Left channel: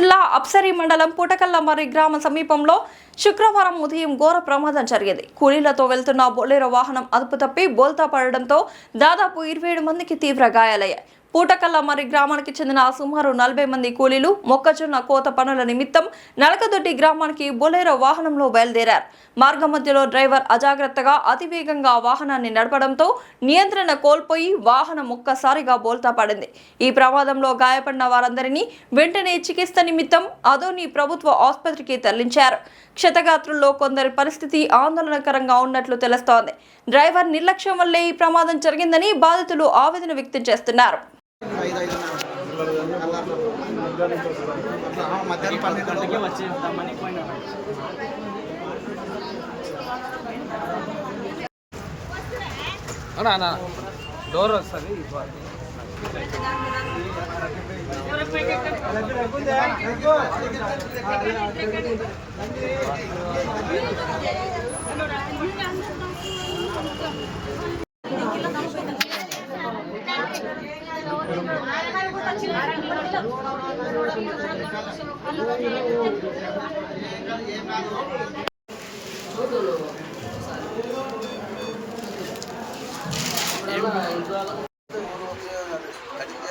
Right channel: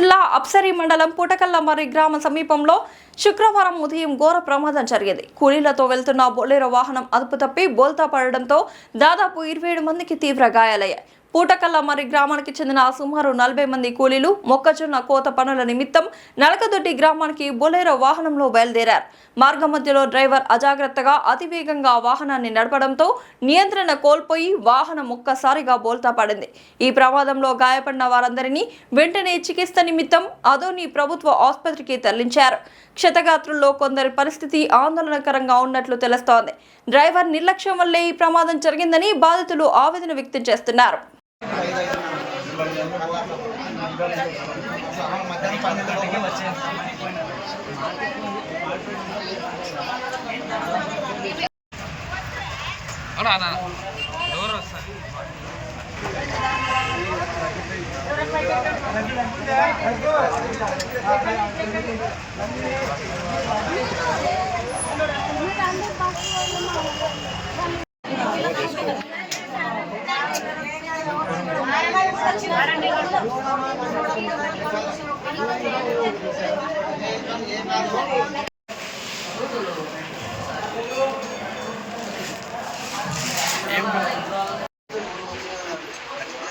జిల్లా అప్సరీ మండలం పుటకల్లమర్రి గ్రామ సమీపంలో శుక్రవారం ఉదయం ఘోర ప్రమాదం జరిగింది. కూలీలతో వెళ్తున్న బొలెరో వాహనం అదుపు తప్పి బోల్తా పడడంతో దాదాపు 27 మందికి తీవ్ర గాయాలయ్యాయి. పూటకల్లమర్రి గ్రామానికి చెందిన సుమారు 40 మంది కూలీలు మొక్కజొన్న కోత పనుల నిమిత్తం నలకదొడ్డి గ్రామానికి బొలెరో వాహనంలో బయలుదేరారు. మార్గ మధ్యలో డ్రైవర్ అజాగ్రత్తగా అతివేగంగా వాహనాన్ని నడపడంతో నియంత్రణ కోల్పోయి వాహనం ఒక్కసారిగా బోల్తా పడింది. ఈ ప్రమాదంలో గాయపడిన వారందరినీ వెంటనే చికిత్స నిమిత్తం అదోని ప్రభుత్వ ఆసుపత్రికి తరలించారు. క్షతగాత్రుల్లో కొందరి పరిస్థితి ఆందోళనకరంగా ఉన్నట్లు తెలుస్తోంది. డ్రైవర్ నిర్లక్ష్యం వల్లే ఈ ప్రమాదం జరిగిందని బాధితులు ఆవేదన వ్యక్తం చేస్తున్నారు.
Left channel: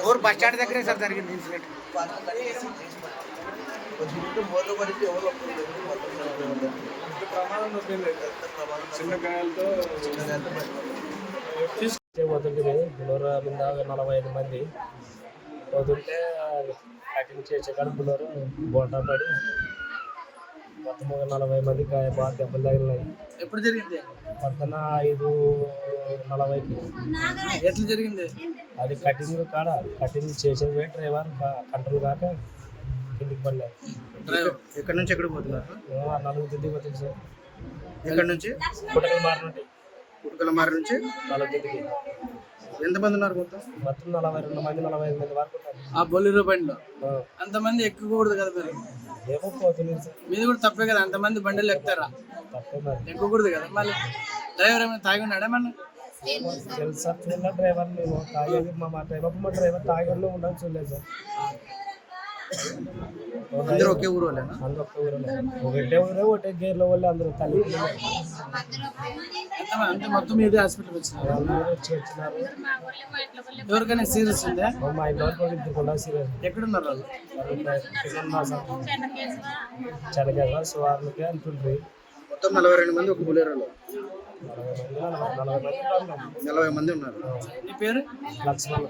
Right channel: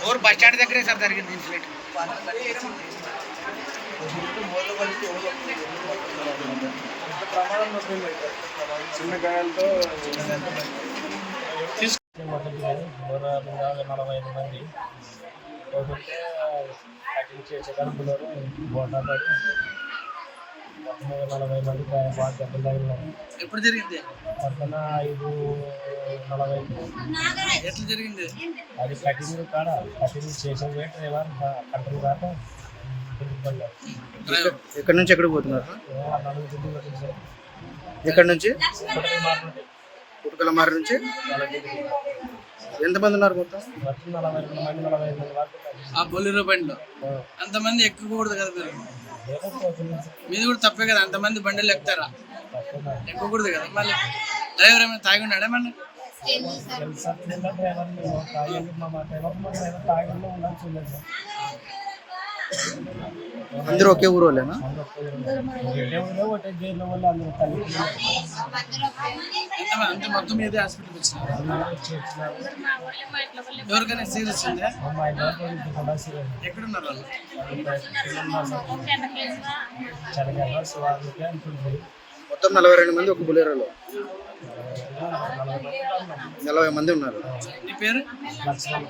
और बस स्टैंड దగ్గరే సార్ జరిగింది ఇన్సిడెంట్. చిన్న గాయాలతో బులోరా 45 మంది పోతుంటే కటింగ్ చేసే కానీ బులోరా బోటా పడి మొత్తం 40 మంది బాగా దెబ్బలు తగిలినాయి. ఎప్పుడు జరిగింది? పక్కన 5:40 ఎట్లా జరిగింది? అది కటింగ్ కాడ కటింగ్ చేసే డ్రైవర్ కంట్రోల్ దాకా ఎందుకు పడలేదు. ఎక్కడి నుంచి ఎక్కడికి పోతున్నారు? 4 దిద్దు వచ్చింది సార్. ఎక్కడి నుంచి? పుట్టకలమారి నుంచి. ఎంతమంది ఉన్నారు మొత్తం? 42 మంది 45 మంది వరకు. ఆ బొలెరో బండిలో అంతమంది ఎక్కకూడదు కదా మీరు? మీది కూడా తప్పే కదా, అంతమంది బండిలు ఎక్కుతారా? ఎక్కకూడదు కదా. మళ్ళీ డ్రైవర్ ఏమైనా తాగి ఉన్నాడా? మళ్ళీ డ్రైవర్ డ్రైవర్ తాగి ఉండాల్సి ఉండదు సార్. అందరూ ఒకే ఊరు వాళ్ళేనా? ఒకటే జైల్లో వాళ్ళు అందరూ తల్లి మొత్తం మీదే హాస్పిటల్ వచ్చినారు. ఎవరికైనా సీరియస్ ఉందా? మా ఇంట్లో సీరియస్. ఎక్కడున్నారు వాళ్ళు? చల్లగా సువార్లకి అంటుంది. మొత్తం 42 మంది ఒక బొలెరోలో. 40 మంది ఉన్నారు. మీ పేరు? లక్ష్మణ్.